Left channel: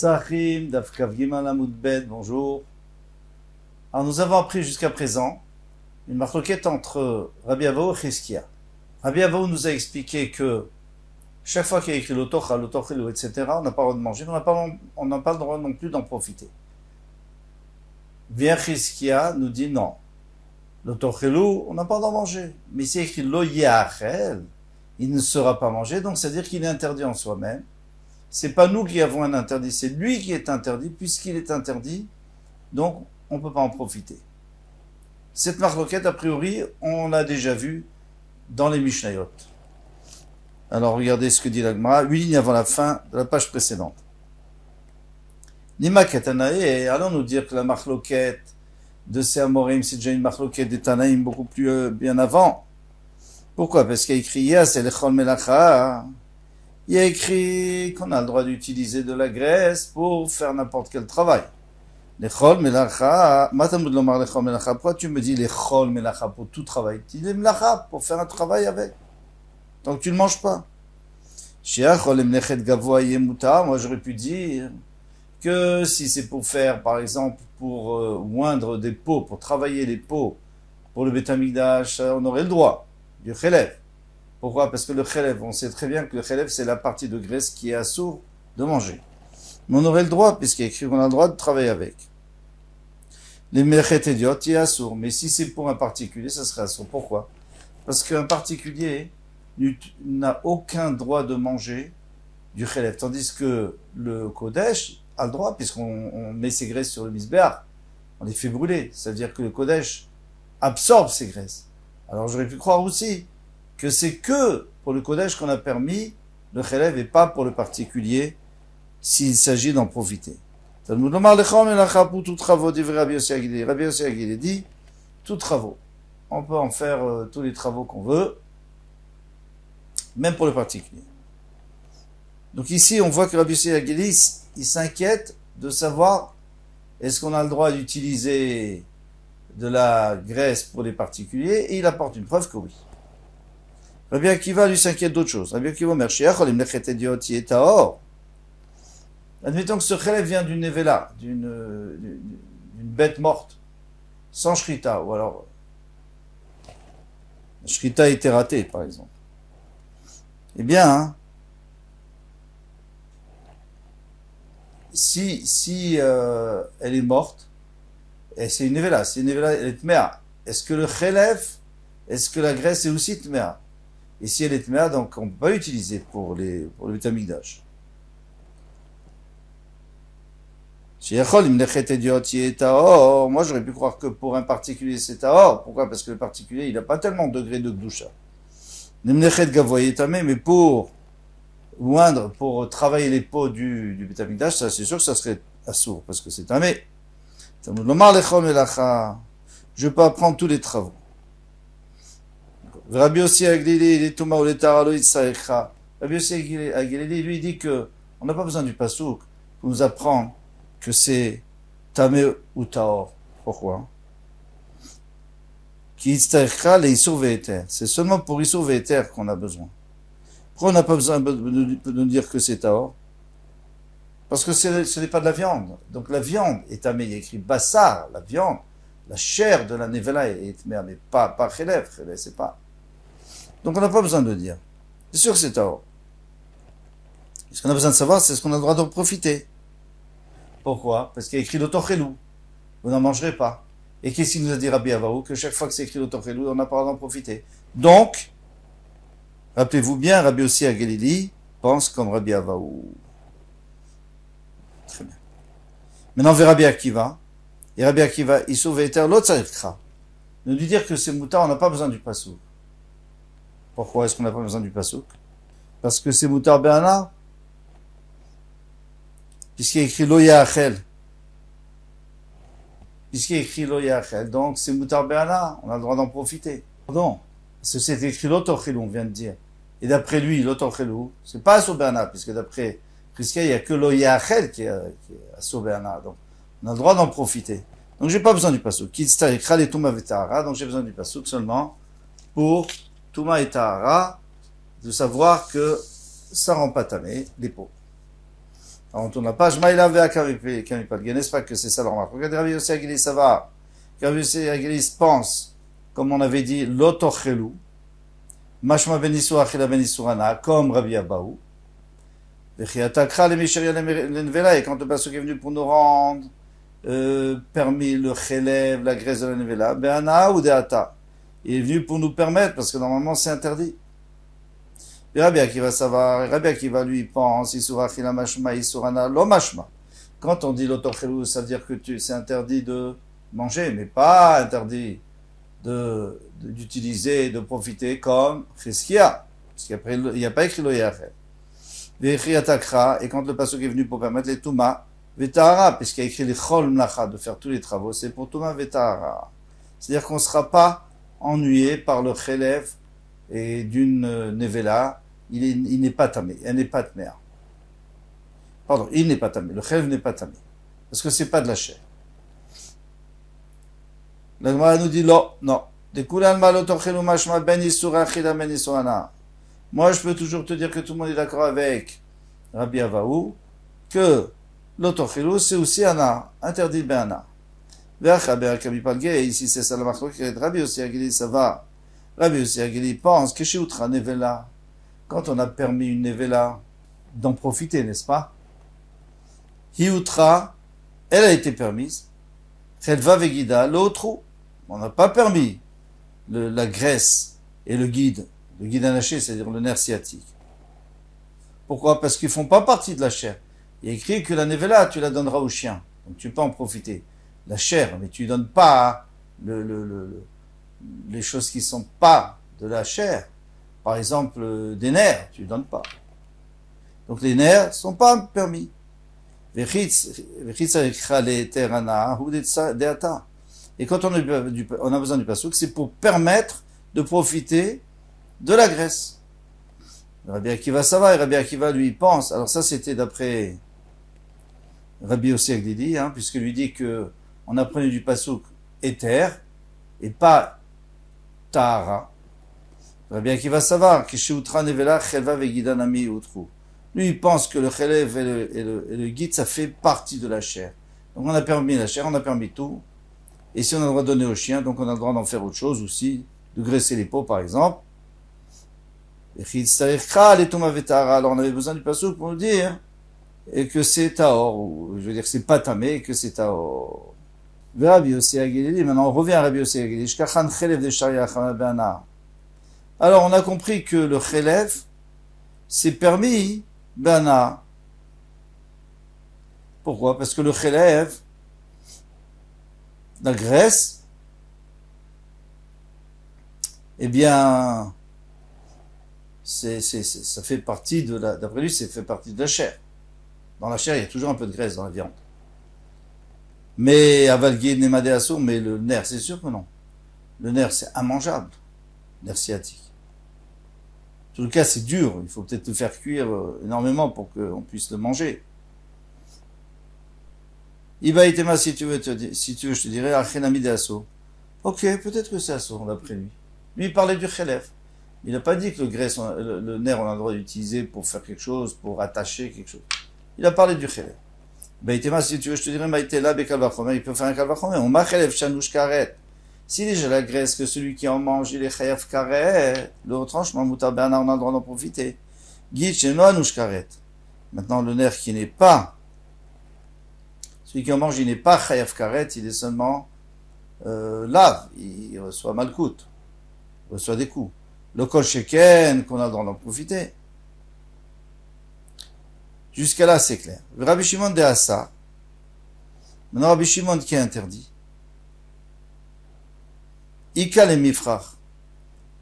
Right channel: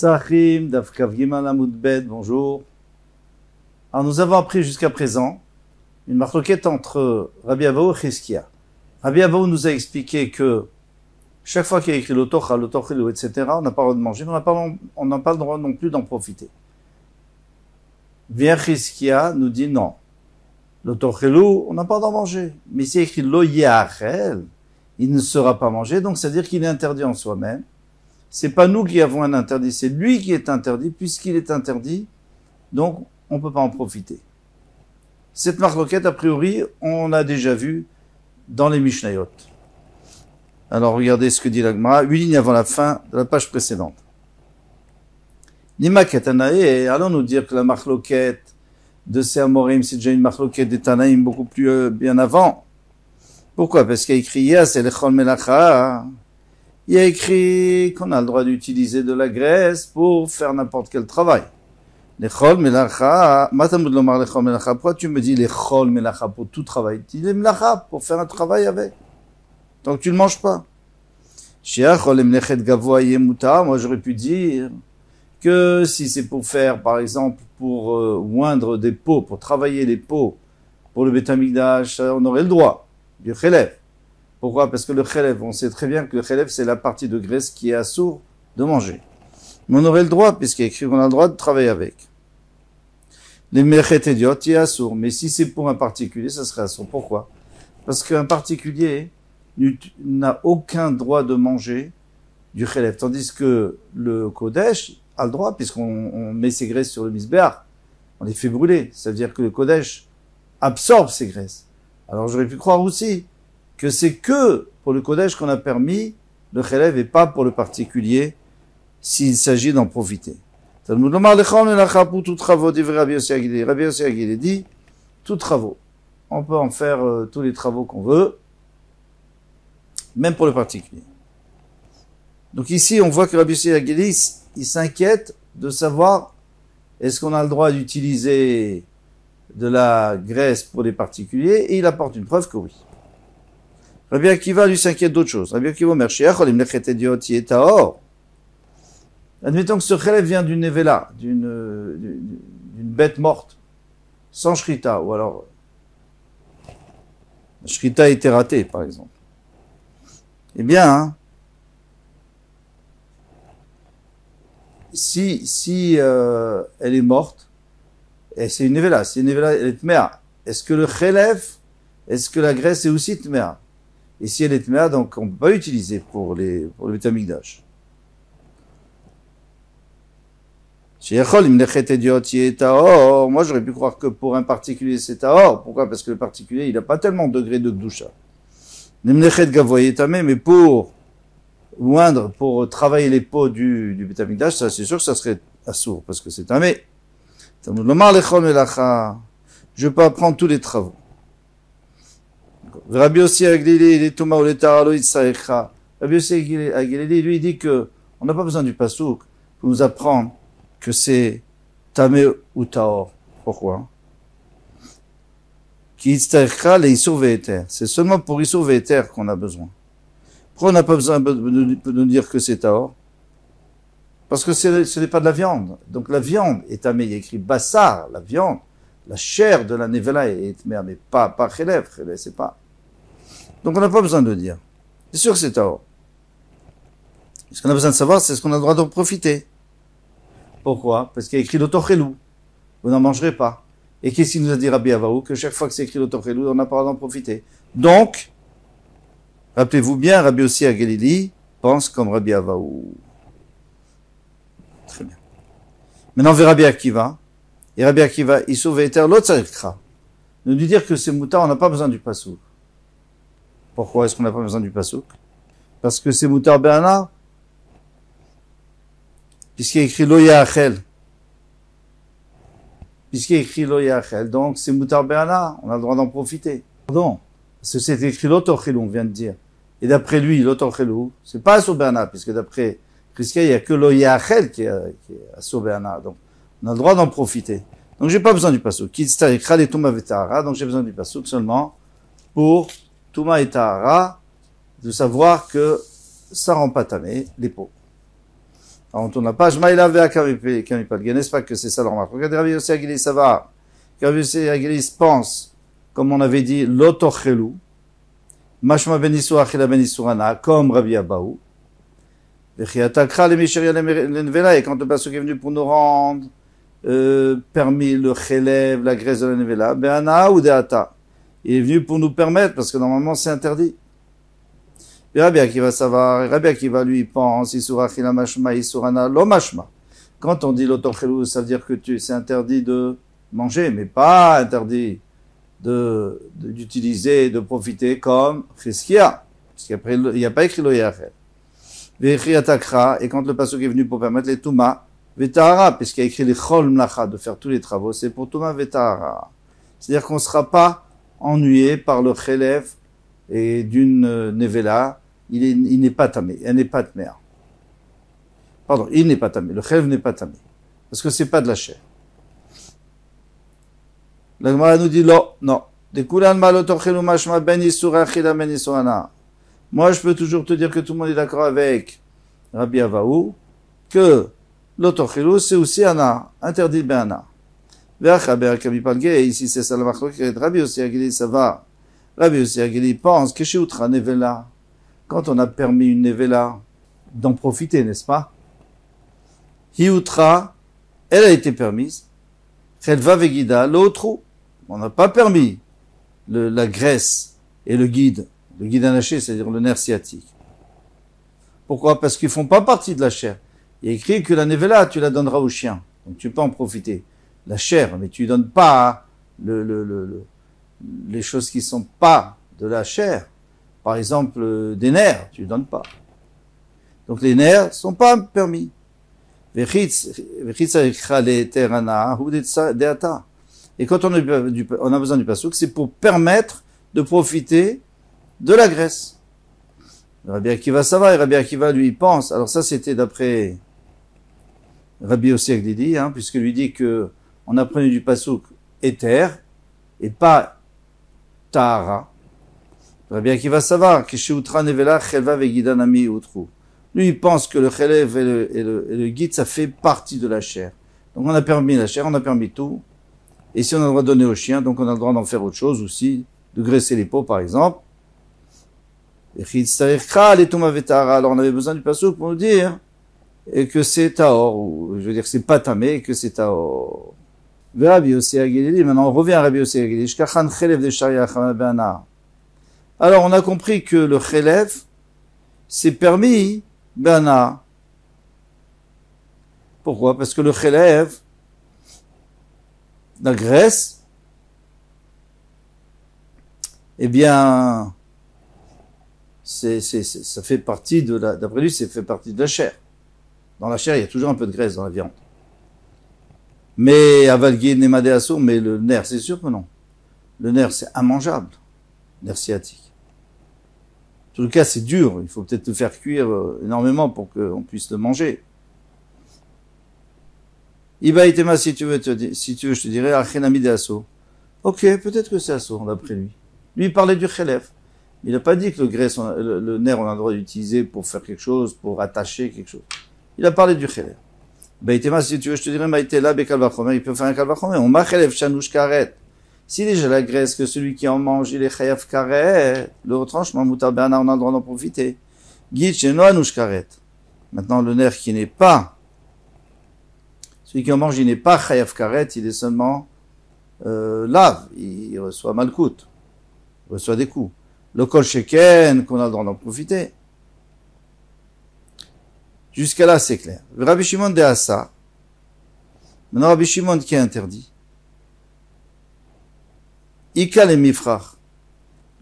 Sahim, Dafkav Gimal Amud Bet, bonjour. Alors nous avons appris jusqu'à présent une marloquette entre Rabbi Avaou et Chizkia. Rabbi Avaou nous a expliqué que chaque fois qu'il y a écrit l'otocha, l'otochilou, etc., on n'a pas le droit de manger, on n'a pas le droit non plus d'en profiter. Vient Chizkia nous dit non. L'otochilou, on n'a pas d'en manger. Mais s'il y a écrit lo yachel, il ne sera pas mangé, donc c'est-à-dire qu'il est interdit en soi-même. C'est pas nous qui avons un interdit, c'est lui qui est interdit, puisqu'il est interdit, donc on ne peut pas en profiter. Cette marloquette, a priori, on l'a déjà vue dans les Mishnayot. Alors regardez ce que dit la Gemara, 8 lignes avant la fin de la page précédente. Nima Ketanae, allons nous dire que la marloquette de ces Amorim, c'est déjà une marloquette des Tanaïm beaucoup plus bien avant. Pourquoi? Parce qu'il y a écrit Yas et Lechol Melacha. Il y a écrit qu'on a le droit d'utiliser de la graisse pour faire n'importe quel travail. Lechol Melacha, Matamud Lomar Lechol Melacha. Pourquoi tu me dis Lechol Melacha pour tout travail? Dis les Melacha pour faire un travail avec. Tant que tu ne manges pas. Moi j'aurais pu dire que si c'est pour faire, par exemple, pour oindre des pots, pour travailler les pots, pour le Beth Amikdash, on aurait le droit du chélèv. Pourquoi? Parce que le chélèv, on sait très bien que le chélèv, c'est la partie de graisse qui est assourd de manger. Mais on aurait le droit, puisqu'il y a écrit qu'on a le droit de travailler avec. Les melechet idiot, il est assourd. Mais si c'est pour un particulier, ça serait assourd. Pourquoi? Parce qu'un particulier n'a aucun droit de manger du chélèv. Tandis que le kodesh a le droit, puisqu'on met ses graisses sur le misbéach. On les fait brûler. Ça veut dire que le kodesh absorbe ces graisses. Alors j'aurais pu croire aussi que c'est que pour le kodesh qu'on a permis le chélèv et pas pour le particulier s'il s'agit d'en profiter. Rabbi Yossi Agilé dit tout travaux. On peut en faire tous les travaux qu'on veut, même pour le particulier. Donc ici, on voit que Rabbi Yossi Agilé, il s'inquiète de savoir est-ce qu'on a le droit d'utiliser de la graisse pour les particuliers, et il apporte une preuve que oui. Rabbi Akiva lui s'inquiète d'autre chose. Rabbi Akiva admettons que ce chélèv vient d'une nevela, d'une bête morte, sans shrita, ou alors la shrita a été ratée, par exemple. Eh bien, si elle est morte, et c'est une nevela, elle est tmea. Est-ce que le chélèv, est-ce que la graisse est aussi tmea? Et si elle est tmea, donc on ne peut pas l'utiliser pour le Beth Amikdash. Moi j'aurais pu croire que pour un particulier c'est taor. Pourquoi? Parce que le particulier il n'a pas tellement de degré de gdusha. Mais pour oindre, pour travailler les peaux du Beth Amikdash, ça c'est sûr que ça serait assourd, parce que c'est tamé. Je peux apprendre tous les travaux. Rabbi Yossi Agilé, Rabbi Yossi Agilé, lui, dit que on n'a pas besoin du pasouk pour nous apprendre que c'est tamé ou taor. Pourquoi? C'est seulement pour Issour Ve'eter qu'on a besoin. Pourquoi on n'a pas besoin de nous dire que c'est taor? Parce que ce n'est pas de la viande. Donc la viande est tamé, il y a écrit bassar, la viande, la chair de la nevela est tamé, mais pas chélèv, c'est pas. Donc on n'a pas besoin de le dire. C'est sûr que c'est taor. Ce qu'on a besoin de savoir, c'est ce qu'on a le droit de profiter. Pourquoi? Parce qu'il y a écrit l'otochilou. Vous n'en mangerez pas. Et qu'est-ce qu'il nous a dit Rabbi Avaou? Que chaque fois que c'est écrit l'otochilou, on n'a pas le droit d'en profiter. Donc, rappelez-vous bien, Rabbi Yossi Agilé pense comme Rabbi Avaou. Très bien. Maintenant, on verra Rabbi Akiva. Et Rabbi Akiva, il sauve Eter l'Otzarikra. Nous lui dire que c'est moutar, on n'a pas besoin du pasouk. Pourquoi est-ce qu'on n'a pas besoin du pasouk? Parce que c'est moutar be'ana. Puisqu'il y a écrit lo yachel. Puisqu'il y a écrit lo yachel. Donc c'est moutar be'ana. On a le droit d'en profiter. Pardon. Parce que c'est écrit l'otochilou, on vient de dire. Et d'après lui, l'otochilou, c'est pas assour be'ana, puisque d'après Chizkia, il n'y a que lo yachel qui est assour be'ana. Donc on a le droit d'en profiter. Donc j'ai pas besoin du pasouk. Donc j'ai besoin du pasouk seulement pour Touma et Tahara, de savoir que ça rend pas tamé les peaux. Alors, on tourne la page. Maïla Kamipalge, n'est-ce pas que c'est ça la remarque? Regardez, Rabbi Yossi Agili, ça va. Rabbi Yossi Agili pense, comme on avait dit, l'otochelu, mashma benisur achila benisurana, comme Rabbi Abaou. Et quand le pasuk est venu pour nous rendre permis le chelev, la graisse de la nevela, be'ana ou de'ata. Il est venu pour nous permettre, parce que normalement c'est interdit. Et Rabbi Akiva savoir, Rabbi Akiva lui pense, isura chila mashma, isurana, lo mashma. Quand on dit l'otochelu, ça veut dire que c'est interdit de manger, mais pas interdit d'utiliser, de profiter comme cheskia. Parce qu'après, il n'y a pas écrit lo yachel. Et quand le pasuk est venu pour permettre les Touma, Vetahara, puisqu'il y a écrit les Chol Mlacha, de faire tous les travaux, c'est pour Touma Vetahara. C'est-à-dire qu'on ne sera pas ennuyé par le Chelev et d'une Nevela, il n'est pas tamé, elle n'est pas tmea. Pardon, il n'est pas tamé, le Chelev n'est pas tamé. Parce que c'est pas de la chair. La Gemara nous dit non. Moi, je peux toujours te dire que tout le monde est d'accord avec Rabbi Avaou, que l'autochilou, c'est aussi Ana, interdit Be'ana. Ici, c'est ça la marque. Rabbi Yossi Agili, ça va. Rabbi Yossi Agili pense que chez Outra Nevela, quand on a permis une Nevela, d'en profiter, n'est-ce pas? Hioutra, elle a été permise. Chelva Vegida, l'autre, on n'a pas permis la graisse et le guide anaché, c'est-à-dire le nerf sciatique. Pourquoi? Parce qu'ils ne font pas partie de la chair. Il est écrit que la nevela, tu la donneras au chien. Donc tu peux en profiter. La chair, mais tu ne donnes pas les choses qui ne sont pas de la chair. Par exemple, des nerfs, tu ne donnes pas. Donc les nerfs ne sont pas permis. Et quand on a besoin du pasuk, c'est pour permettre de profiter de la graisse. Rabbi Akiva ça va, et Rabbi Akiva lui pense, alors ça c'était d'après Rabbi Yossi Agili, puisque lui dit que on apprenait du pasuk éther et pas tahara. Rabbi Akiva ça va, que chez Outra Nevela Chelva Vegidanami Outru. Lui il pense que le chelev et le guide ça fait partie de la chair. Donc on a permis la chair, on a permis tout. Et si on a le droit de donner au chien, donc on a le droit d'en faire autre chose aussi, de graisser les peaux par exemple. Alors on avait besoin du pasuk pour nous dire que c'est taor, ou je veux dire que c'est pas tamé, et que c'est taor. Maintenant on revient à Rabbi Yossi Agili. Alors on a compris que le chelev c'est permis bana. Pourquoi? Parce que le chelev, la graisse, eh bien ça fait partie d'après lui, ça fait partie de la chair. Dans la chair, il y a toujours un peu de graisse dans la viande. Mais avalgué nemadéasso, mais le nerf, c'est sûr que non. Le nerf, c'est immangeable. Nerf sciatique. En tout cas, c'est dur. Il faut peut-être le faire cuire énormément pour qu'on puisse le manger. Iba itema, si tu veux, je te dirais, achenamidéasso. Ok, peut-être que c'est asso, d'après lui. Lui, il parlait du chelev. Il n'a pas dit que le nerf, on a le droit d'utiliser pour faire quelque chose, pour attacher quelque chose. Il a parlé du chelev. Baïtema, si tu veux, je te dirais, Maïtela, Bekalvachomer, il peut faire un kalvachomer. On m'a chelev, chanouch karet. Si déjà la graisse, que celui qui en mange, il est chayav karet, le retranchement, moutar bernard, on a le droit d'en profiter. Guide, chez nous, anouch karet. Maintenant, le nerf qui n'est pas, celui qui en mange, il n'est pas chayav karet, il est seulement, lave. Il reçoit malkout. Il reçoit des coups. Le kol sheken, qu'on a le droit d'en profiter. Jusqu'à là, c'est clair. Rabbi Shimon de Assa. Maintenant, Rabbi Shimon qui est interdit. Ika le mifrach.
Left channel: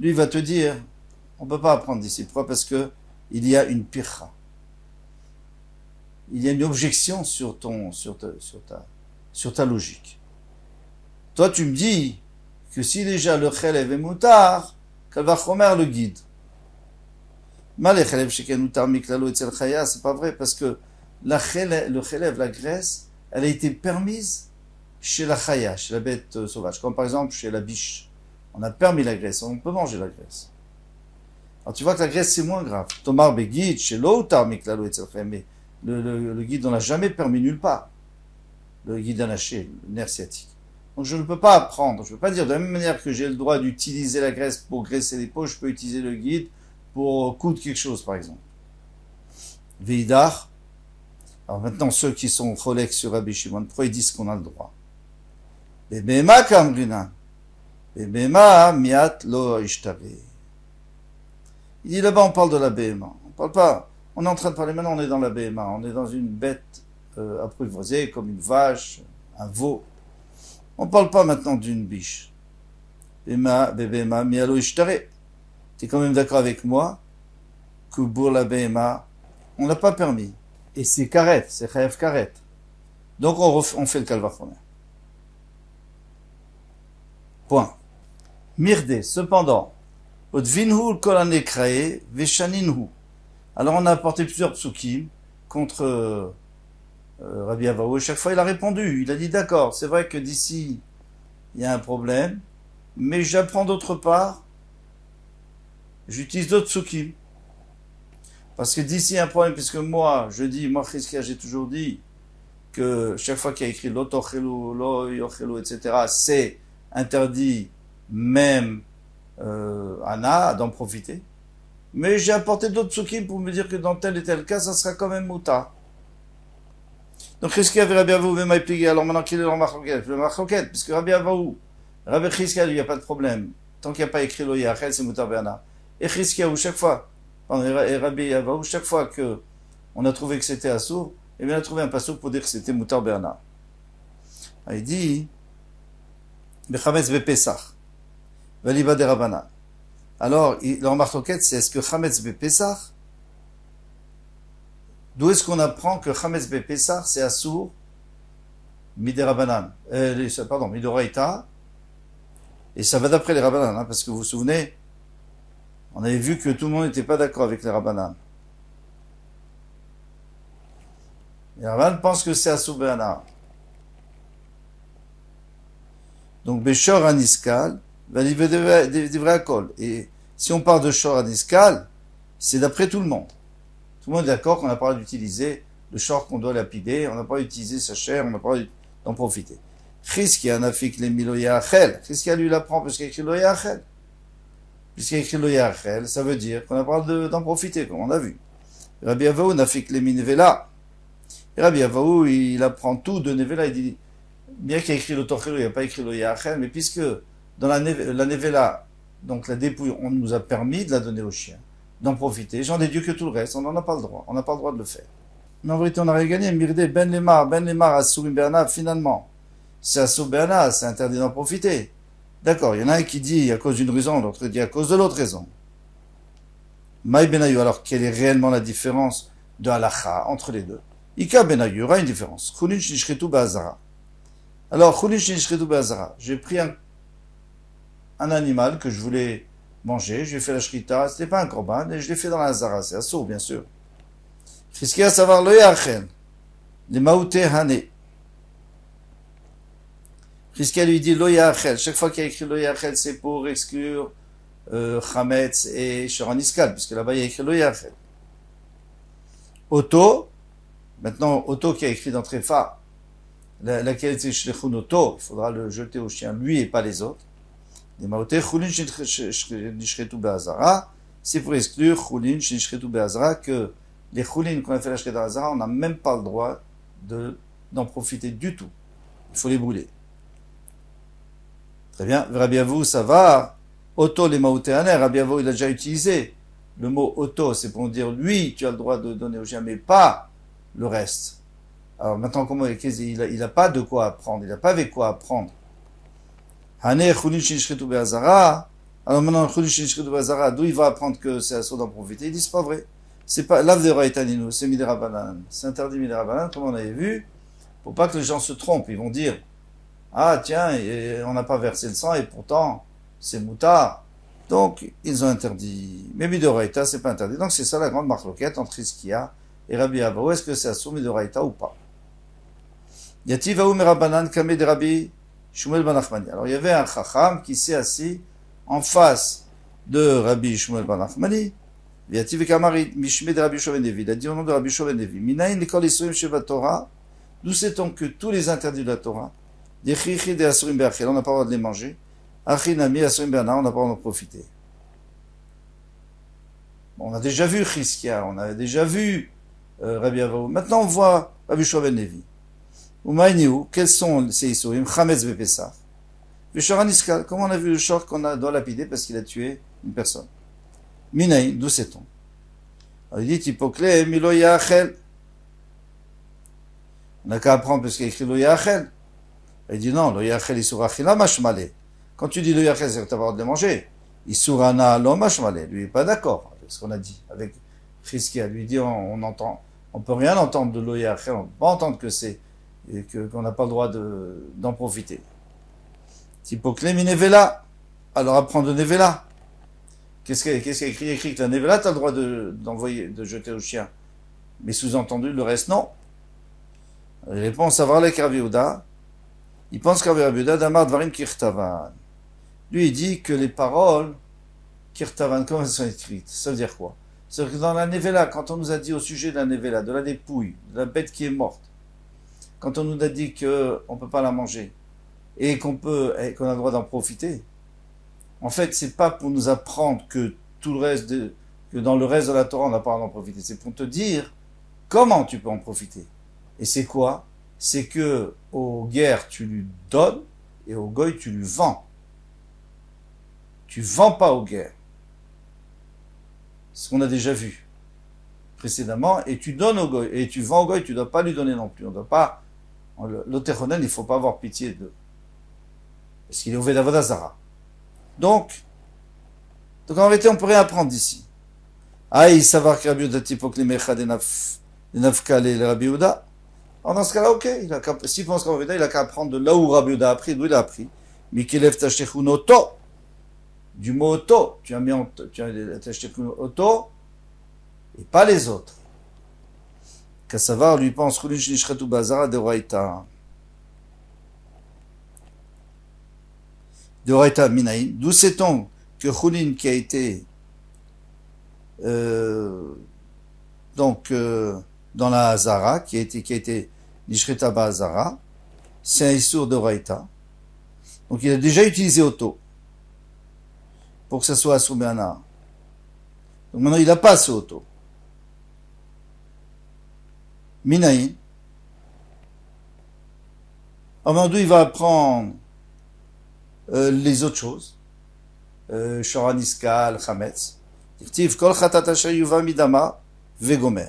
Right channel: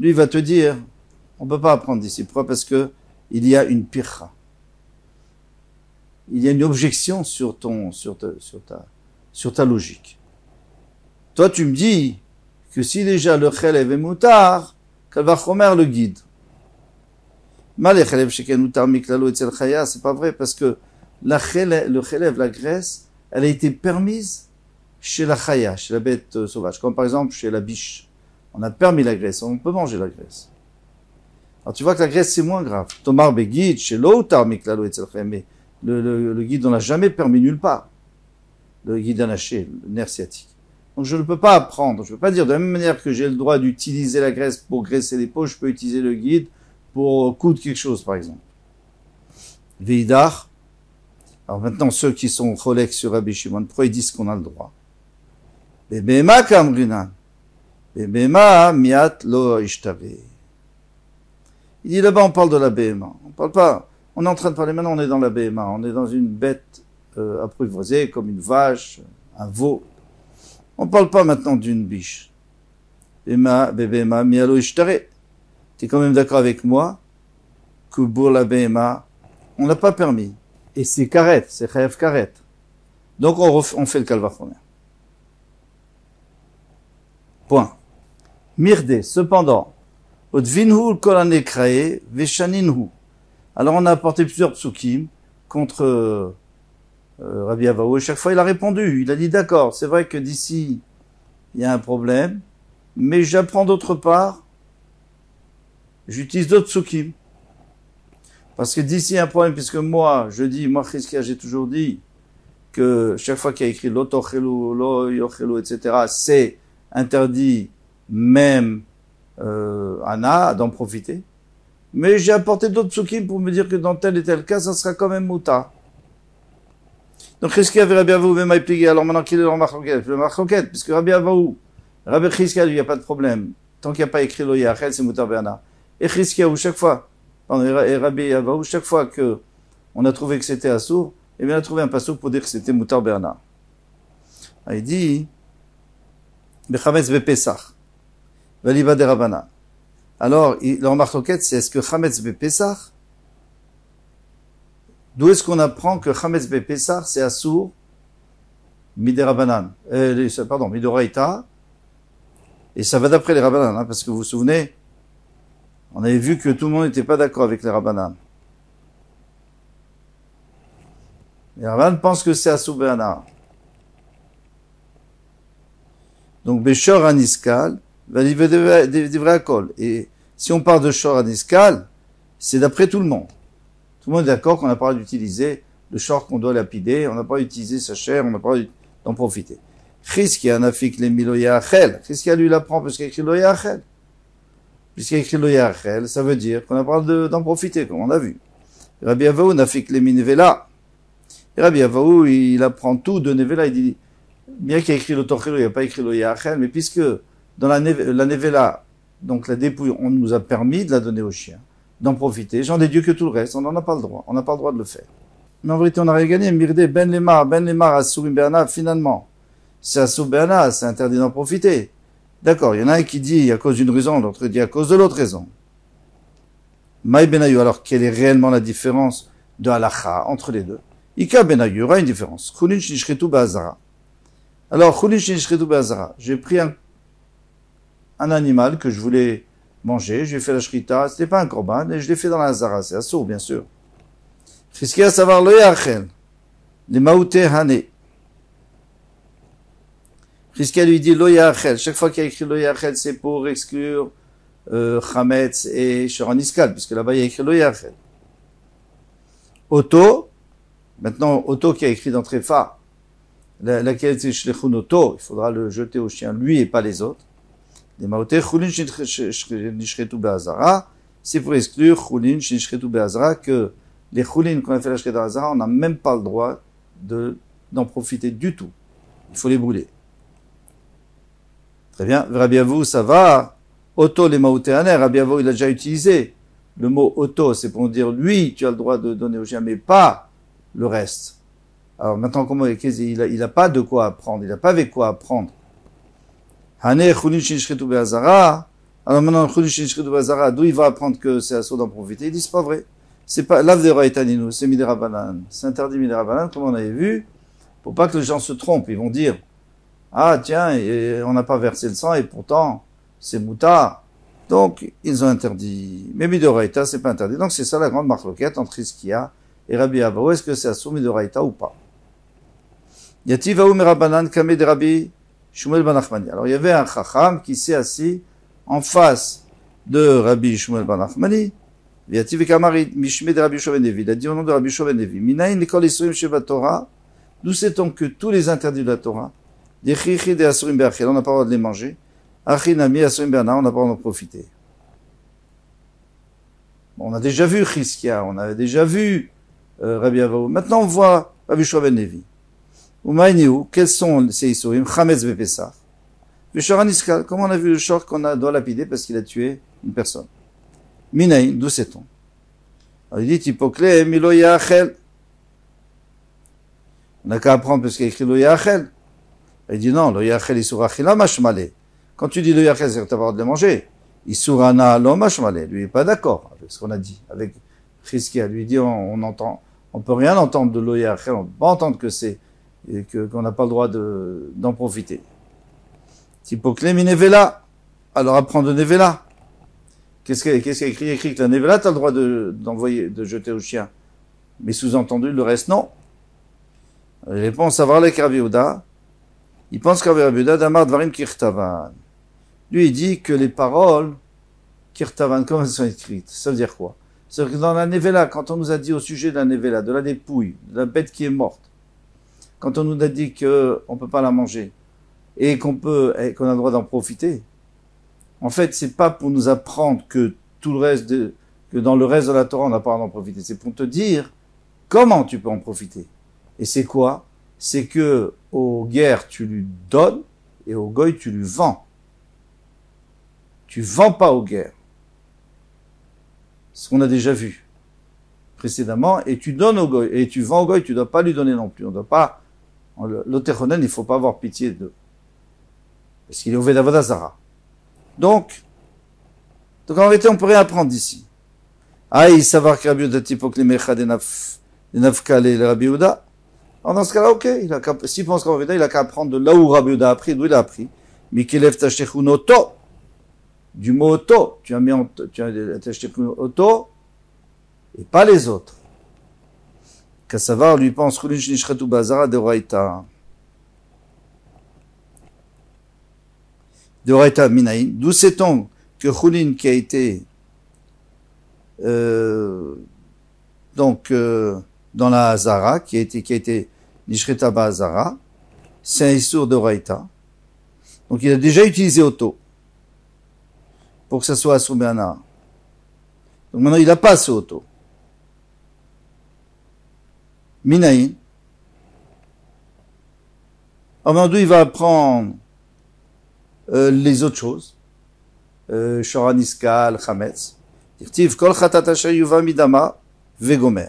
Lui, il va te dire, on ne peut pas apprendre d'ici. Pourquoi? Parce que il y a une pircha. Il y a une objection sur ta logique. Toi, tu me dis que si déjà le chelev est moutar, kalvachomer le guide. C'est pas vrai parce que le chelev, la graisse, elle a été permise chez la chaya, chez la bête sauvage, comme par exemple chez la biche. On a permis la graisse, on peut manger la graisse. Alors tu vois que la graisse c'est moins grave. Tomar begit chez l'autar miklalo etzel chaya, mais Le guide, on l'a jamais permis nulle part. Le guide anaché, le nerf sciatique. Donc je ne peux pas apprendre, je ne peux pas dire de la même manière que j'ai le droit d'utiliser la graisse pour graisser les peaux, je peux utiliser le guide pour coudre quelque chose, par exemple. Veidar. Alors maintenant, ceux qui sont cholèques sur Rabbi Shimon, pourquoi ils disent qu'on a le droit? Bebema kamrinan. Bebema miat lo ishtave. Il dit là-bas, on parle de la BMA. On parle pas, on est en train de parler maintenant, on est dans la BMA. On est dans une bête apprivoisée, comme une vache, un veau. On ne parle pas maintenant d'une biche. Bebema mialo ishtare. Tu es quand même d'accord avec moi que pour la BMA, on n'a pas permis. Et c'est karet, c'est chayav karet. Donc on fait le calvachomer. Point. Mirde, cependant, alors on a apporté plusieurs psukim contre Rabbi Avaou, et chaque fois il a répondu, il a dit d'accord, c'est vrai que d'ici il y a un problème, mais j'apprends d'autre part, j'utilise d'autres psukim. Parce que d'ici il y a un problème, puisque moi Chizkia, j'ai toujours dit que chaque fois qu'il y a écrit l'otochelu, lo yochelu, etc., c'est interdit même Anna d'en profiter. Mais j'ai apporté d'autres psukim pour me dire que dans tel et tel cas, ça sera quand même mouta. Donc Chizkia avait Rabbi Avaou même plié. Alors maintenant, quel est le machloket? Le machloket, puisque Rabbi Avaou, Rabbi Chizkia, lui, il n'y a pas de problème. Tant qu'il n'y a pas écrit lo yachel, c'est mouta be'ana. Et Chizkia, chaque fois, et Rabbi Avaou, chaque fois que on a trouvé que c'était assour, et bien on a trouvé un passouk pour dire que c'était mouta be'ana. Il dit, Bechametz be'pesach. Valiba de Rabbanan. Alors, leur marloquette, c'est est-ce que Chametz Bepessach, d'où est-ce qu'on apprend que Chametz Bepessach, c'est assour, Mide Rabbanan, pardon, Midoraita, et ça va d'après les Rabbanan, hein, parce que vous vous souvenez, on avait vu que tout le monde n'était pas d'accord avec les Rabbanan. Les Rabbanan pensent que c'est assour Be'ana. Donc, Beshor Aniskal, et si on parle de shor aniskal, c'est d'après tout le monde. Tout le monde est d'accord qu'on n'a pas d'utiliser le shor qu'on doit lapider, on n'a pas utilisé sa chair, on n'a pas d'en profiter. Chizkia nafik le milo yachel. Chizkia lui l'apprend parce qu'il a écrit lo yachel. Puisqu'il a écrit lo yachel, ça veut dire qu'on n'a pas d'en profiter, comme on a vu. Rabbi Avaou nafik le minevela. Et Rabbi Avaou, il apprend tout de nevela, il dit, bien qu'il a écrit le tochelo, il n'a pas écrit lo yachel, mais puisque dans la nevela, donc la dépouille, on nous a permis de la donner aux chiens, d'en profiter. J'en déduis que tout le reste, on n'en a pas le droit. On n'a pas le droit de le faire. Mais en vérité, on a rien gagné. Mirde, ben lemar, asurim be'ana, finalement. C'est assour be'ana, c'est interdit d'en profiter. D'accord, il y en a un qui dit à cause d'une raison, l'autre dit à cause de l'autre raison. Maï benayu, alors quelle est réellement la différence de halacha entre les deux? Ika benayu, il y aura une différence. Chulin shnishchetu be'azara. Alors, chulin shnishchetu be'azara. J'ai pris un animal que je voulais manger, j'ai fait la shrita, c'était pas un korban, et je l'ai fait dans la zara, c'est assour, bien sûr. Chizkia savoir le yachel, les maouté hané. Chizkia lui dit lo yachel, chaque fois qu'il y a écrit lo yachel, c'est pour exclure chametz et shoraniskal, puisque là-bas il y a écrit lo yachel. Otto, maintenant Otto qui a écrit dans Tréfa, laquelle c'est shlechun Otto, il faudra le jeter au chien, lui et pas les autres. C'est pour exclure chulin shnishchetu be'azara que les chulin qu'on a fait la shrita be'azara, on n'a même pas le droit d'en profiter du tout. Il faut les brûler. Très bien. Rabbi Avaou, ça va. Otto les maoutéaner. Rabbi Avaou, il a déjà utilisé le mot Otto, c'est pour dire lui, tu as le droit de donner au chien, mais pas le reste. Alors maintenant, comment il n'a pas de quoi apprendre, il n'a pas avec quoi apprendre. Alors maintenant, d'où il va apprendre que c'est assaut d'en profiter? Il dit, c'est pas vrai. C'est pas, l'ave de Raïtaninu, c'est Midera Banan. C'est interdit Midera Banan, comme on avait vu, pour pas que les gens se trompent. Ils vont dire, ah, tiens, on n'a pas versé le sang, et pourtant, c'est mouta. Donc, ils ont interdit. Mais Midoraïta, c'est pas interdit. Donc, c'est ça la grande marloquette entre Chizkia et Rabbi Avaou. Est-ce que c'est assaut Midoraïta ou pas? Yativ Aou Merabanan, Kame de Rabbi Shmuel ben Nachmani. Alors il y avait un chacham qui s'est assis en face de Rabbi Shmuel ben Nachmani Viativ Kamarit, Mishme de Rabbi Yoshua ben Levi. Il a dit au nom de Rabbi Yoshua ben Levi. Minayin Nikol Isurim Sheva Torah. D'où sait-on que tous les interdits de la Torah, des Chichi de Asurim Be'achel, on n'a pas le droit de les manger. Achinami Asurim Be'ana, on n'a pas le droit d'en profiter. Bon, on a déjà vu Chizkia, on a déjà vu Rabbi Avaou. Maintenant, on voit Rabbi Yoshua ben Levi. Umayniou, quels sont ces Isurim? Chametz Bepesach. Veshor Aniskal, comment on a vu le short qu'on doit lapider parce qu'il a tué une personne? Minayin, d'où sait-on? Alors il dit, Hippoklé, Milo Yachel. On n'a qu'à apprendre parce qu'il y a écrit Lo Yachel. Il dit non, Lo Yachel Isur Achila Mashmale. Quand tu dis Lo Yachel, c'est que tu as le droit de le manger. Isur Ana Lo Mashmale. Lui, il n'est pas d'accord avec ce qu'on a dit. Avec Chizkia, lui dit, on entend, on peut rien entendre de Lo Yachel, on ne peut pas entendre que c'est, qu'on n'a pas le droit d'en profiter. Hippoklé, Minevela. Alors apprends de Nevela. Qu'est-ce qu'il y a écrit? Il y a écrit que la Nevela, tu as le droit d'envoyer, de jeter au chien. Mais sous-entendu, le reste, non. Il répond, savoir les Rabbi Yehuda. Il pense qu'Rabbi Yehuda, Damar Dvarim Kirtavan. Lui, il dit que les paroles, Kirtavan, comme elles sont écrites, ça veut dire quoi? C'est-à-dire que dans la Nevela, quand on nous a dit au sujet de la Nevela, de la dépouille, de la bête qui est morte, quand on nous a dit qu'on ne peut pas la manger, et qu'on a le droit d'en profiter, en fait, c'est pas pour nous apprendre que tout le reste que dans le reste de la Torah, on n'a pas le droit d'en profiter. C'est pour te dire comment tu peux en profiter. Et c'est quoi? C'est que aux guerres, tu lui donnes, et aux goy, tu lui vends. Tu vends pas aux guerres. Ce qu'on a déjà vu précédemment, et tu donnes au goy, et tu vends au goy, tu dois pas lui donner non plus. On doit pas, l'otéronen, il faut pas avoir pitié de, parce qu'il est au Vedavoda. Donc en vérité, on peut rien apprendre d'ici. Aïe, savoir que Rabbi Yehuda typo que les mecha des nafkale et Rabbi Yehuda. Alors dans ce cas-là, ok, s'il pense qu'en vérité, il a qu'à apprendre de là où Rabbi Yehuda a appris, d'où il a appris. Mikelev tashechun oto. Du mot oto. Tu as mis tashechun oto, et pas les autres. Qu'à savoir, lui pense, chulin shnishchetu bazara de Oraita. De Oraita minaïn. D'où sait-on que chulin qui a été dans la Hazara, qui a été Nishreta Hazara, c'est un Issour de Raïta. Donc il a déjà utilisé Auto pour que ça soit Asumana. Donc maintenant il n'a pas ce Auto. Minaïn. Alors maintenant il va apprendre les autres choses. Shoraniskal, Chametz. Kol Chatat Asher Yuva Midama Vegomer.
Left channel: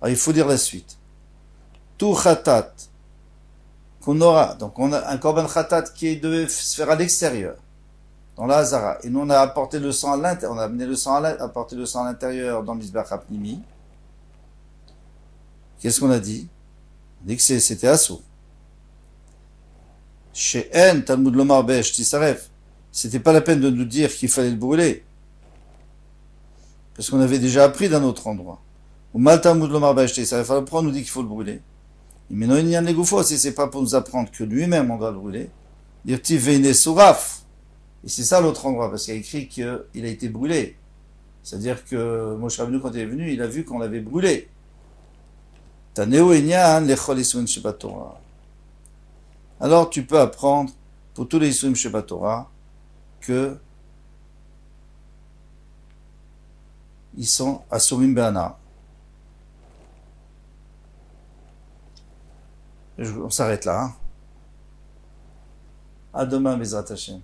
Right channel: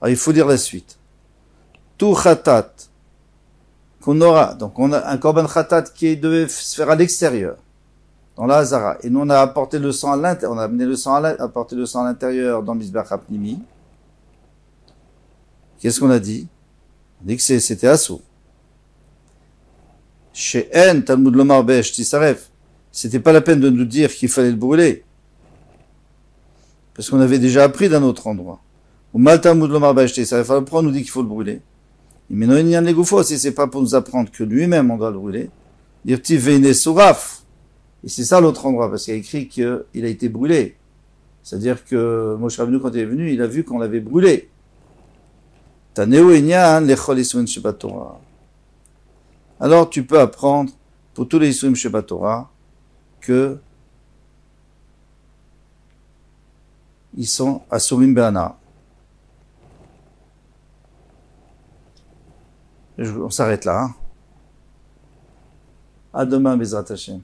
Alors il faut dire la suite. Tout Chatat qu'on aura, donc on a un Korban Chatat qui devait se faire à l'extérieur, dans la Hazara, et nous on a apporté le sang à l'intérieur, on a amené le sang apporté le sang à l'intérieur dans le Mizbeach HaPnimi. Qu'est-ce qu'on a dit? On a dit que c'était Assou. Chez En, Talmud Lomar Besh Tisarev. C'était pas la peine de nous dire qu'il fallait le brûler. Parce qu'on avait déjà appris d'un autre endroit. Ou Mal Talmud Lomar Besh Tisarev. Alors pourquoi on nous dit qu'il faut le brûler? Mais non, il y a un négoufo, si c'est pas pour nous apprendre que lui-même on doit le brûler. Dire Tivene Souraf. Et c'est ça l'autre endroit, parce qu'il y a écrit qu'il a été brûlé. C'est-à-dire que Moshe Rabbeinu, quand il est venu, il a vu qu'on l'avait brûlé. Taneo Enyan Lechol Isurim Shebat Torah. Alors tu peux apprendre pour tous les Isurim Shebat Torah que ils sont Asurim Be'ana. On s'arrête là. Hein. À demain, Bezrat Hashem.